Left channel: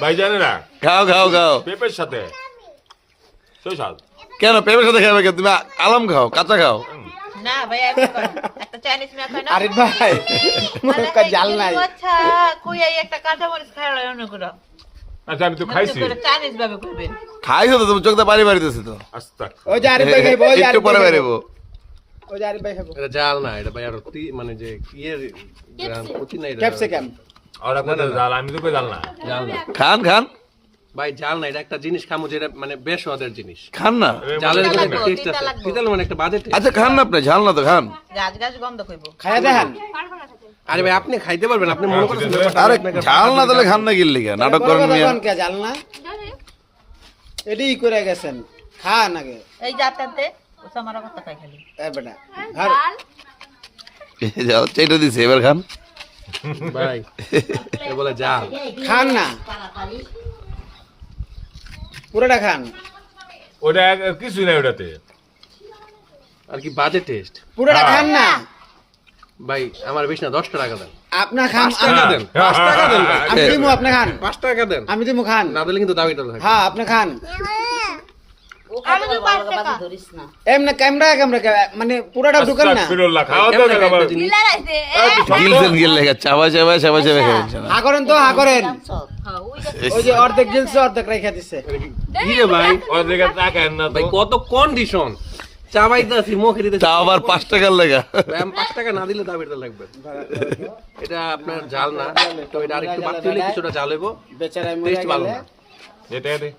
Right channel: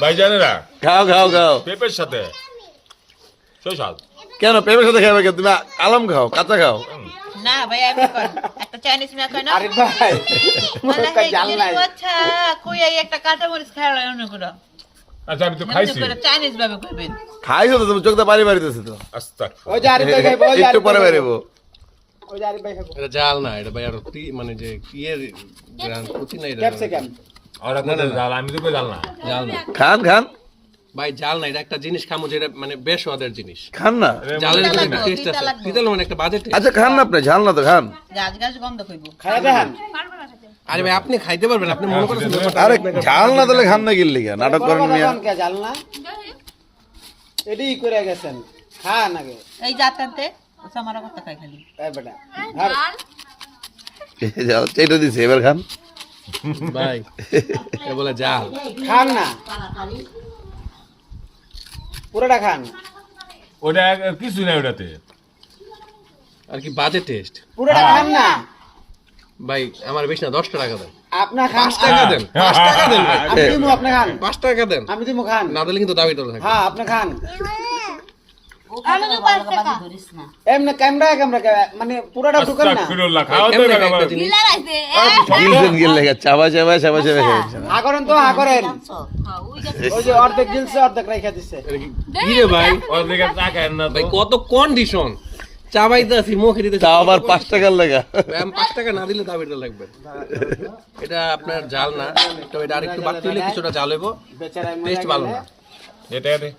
ভাইজানেরা খাও খাও খাও পেঁপের সাথে সেই স্বাদ। কেন পেঁপের সাথে খাবে কেন? তুমি আলম খাও, কাঁচা খাও। না ভাই আমি একটা চাইনিজ মিয়া খাই না আরে ভাই মানে মুখে জাল নাই আচ্ছা কই এই একটা কাঁচা মরিচ খাইলা অনেকগুলো আচ্ছা আমি তো খাইছি। চাইনিজ ভাবে কইবেন খাইছো তো তুমি, চোখটা বাড়ি বাড়িতেছে তো। আস্তাগফিরুল্লাহ। ওই যে আরিফ ভাই খাইবো ওই যে একটু পরে বাড়িবো। ওই যে আরিফ ভাই খাইবো এটা জাল না, এটা ভাই আর মানে যে ইয়ের কুচি না, এটা ক্যাপসিকাম আর আপনাদের জাল, আমি তো কই জাল না। জাল না খান খান ভাই, জাল না, এটা একটা জিনিস খামো যেটা মানে বেশ স্বাদের জিনিস। খান না। জালের তিতা ভিতরে একটা লাগবো, টেস্ট তিতা আছে, লাগবো। তিতাল মানে একটা বাজে taste। আচ্ছা খান না আপনি, ঝাল না তো খান। গাছ গাছ গন্ধ কইবো খাইয়া দেখেন আরে ভাই আপনি খাইতে পারবেন, আপনি মনে করছেন আরে ঝাল না তাহলে খান না গিল্লি কেন? নাটক করেন মিয়া। কে জাল না এডি করে গেছেন খান আগে এই জাতাতে ওসা মারা কথা খাই খালি এ বেটা ধর যাও চেটে দিছে, এবার খান। ভাই এ বলে জাল। খান না পুরোটা খান ওটা কিছু নাই ওটাতে। আর কি বাজে টেস্ট। পুরোটা খান না ভাই আমার বেশি না, 10 টাকা দেন, আপনা খান 5 টাকা দেন, 5 টাকা দেন ভাই, আমি দিমু আপনি খান 5 টাকা দেন, আমি দিমু খান না দিলে কিন্তু দাবিটা থাকবে। হ্যাঁ আপনি খান আমি তো ভালো বাজি ধরিস না এমনি ক্যামেরা মানে পুরোটা ঢুকান না আস্তাগফিরুল্লাহ, খাও তো কেমনে না একটা বাবা। জিনিস? গিলছেন গিল্লে, চাবা চাবা চাবা চাবা খাচ্ছে না। হা করেন তো হা করেন হ্যাঁ ওই যে অর্ধেক গিলছে অর্ধেক রেখে দিছে এটা কি রে ভাই? ওর দিকে তাকায়েন না তো। ভাই কত কন্ডিশন, চাবাইতে আছি মুখে দিতে, তা আবার 5 টাকার লেগা। ভাই, আমি 5 টাকা না দিলে দাবিটা লাগবে। এটা আপনার জাল না, তো এটা আরেকটু বাড়তি হলে কিছুটা জাল হইব, বেচারা টেস্ট ভালো না। এটা দে।